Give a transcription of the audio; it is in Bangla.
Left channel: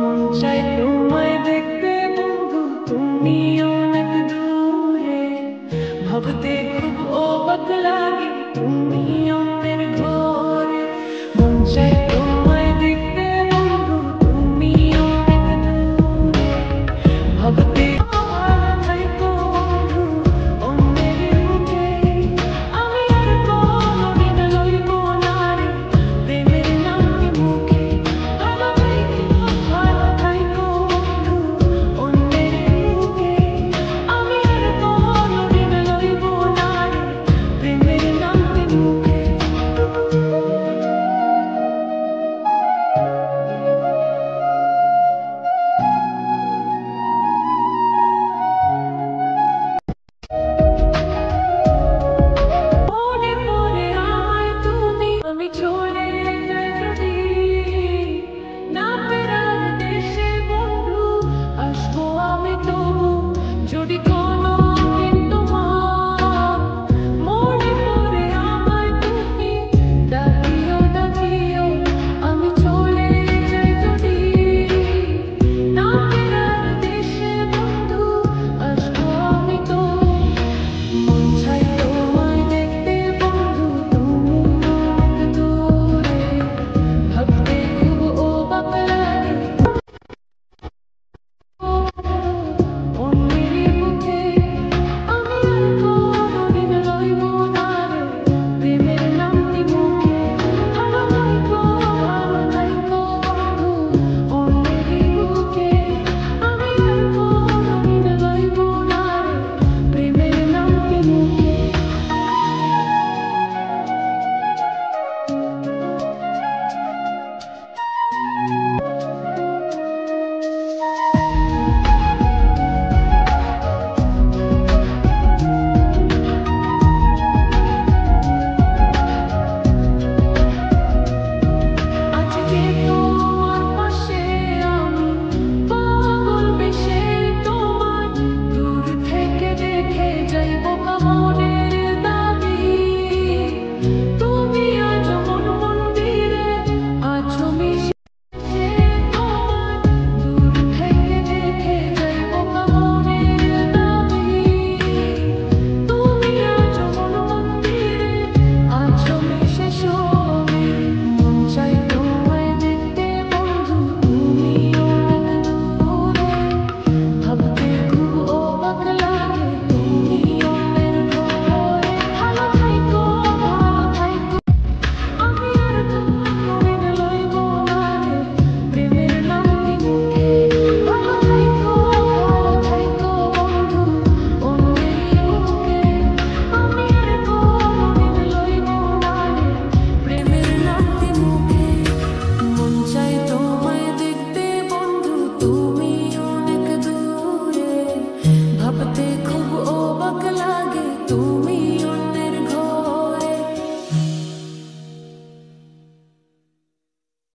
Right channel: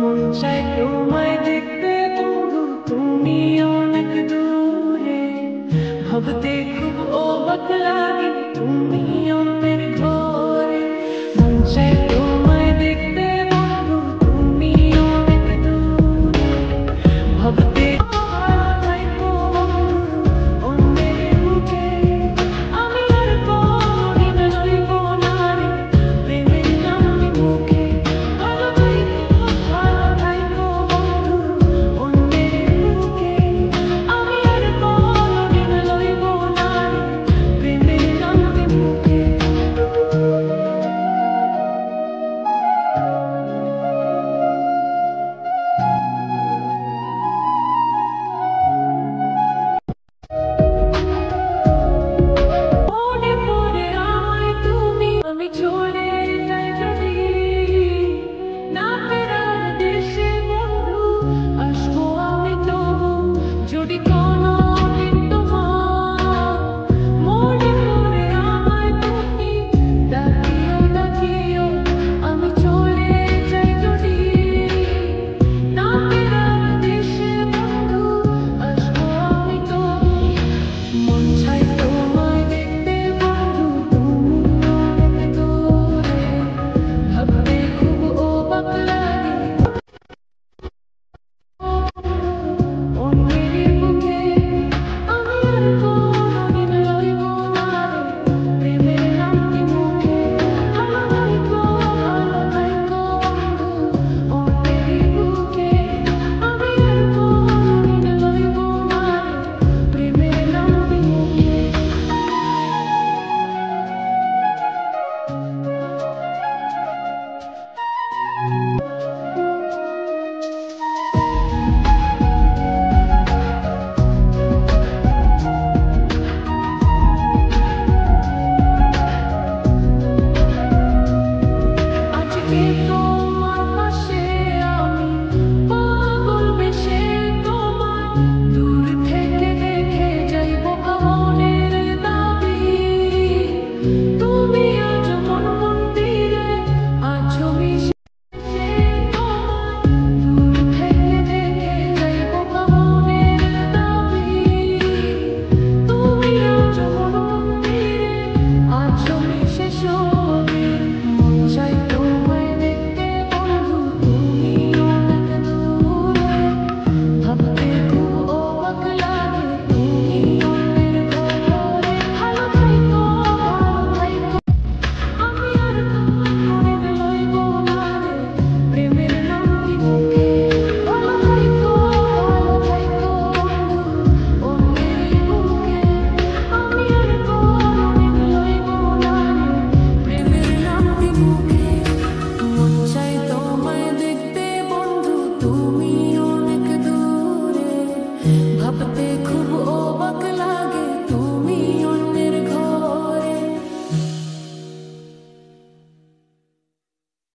মন চাই তোমায় দেখতে বন্ধু, তুমি অনেক দূরে। ভাবতে খুব অবাক লাগে, তুমি অন্যের ঘরে। মন চাই তোমায় দেখতে বন্ধু, তুমি অনেক দূরে। ভাবতে ভালো থাকো বন্ধু অন্যের বুকে। আমি আর কোনদিন লইব না রে প্রেমের নামটি মুখে। ভালো থাকো বন্ধু অন্যের বুকে। আমি আর কোনদিন লইব না রে প্রেমের নামটি মুখে। মনে পড়ে আমায় তুমি, আমি চলে যাই যদি না ফেরার দেশে বন্ধু। আসবো আমি তবু যদি কোনোদিন তোমার মনে পড়ে আমায় তুমি। ডাকিও ডাকিও আমি চলে যাই যদি না ফেরার দেশে বন্ধু। আসবো আমি তবু। মন চাই তোমায় দেখতে বন্ধু, তুমি অনেক দূরে। ভাবতে খুব অবাক লাগে অন্যের বুকে। আমি আর কোনদিন লইব না রে প্রেমের নামটি মুখে। ভালো থাকো বন্ধু অন্যের বুকে। আমি আর কোনদিন লইব না রে প্রেমের নামটি মুখে। আজকে তোমার পাশে আমি পাগল বেশে তোমার দূর থেকে দেখে যাইব মনের দাবি। তুমি আজ মন মন্দিরে আছো মিশে তোমার দূর থেকে দেখে যাইব মনের দাবি। তুমি আজ মন মন্দিরে আছো মিশে সবে। মন চাই তোমায় দেখতে বন্ধু, তুমি অনেক দূরে। ভাবতে খুব অবাক লাগে, তুমি অন্যের ঘরে। ভালো থাকো আমি আর কোনদিন লইব না রে প্রেমের নামটি মুখে। ভালো থাকো বন্ধু অন্যের বুকে। আমি আর কোনদিন লইব না রে প্রেমের নামটি মুখে। মন চাই তোমায় দেখতে বন্ধু, তুমি অনেক দূরে। ভাবতে খুব অবাক লাগে।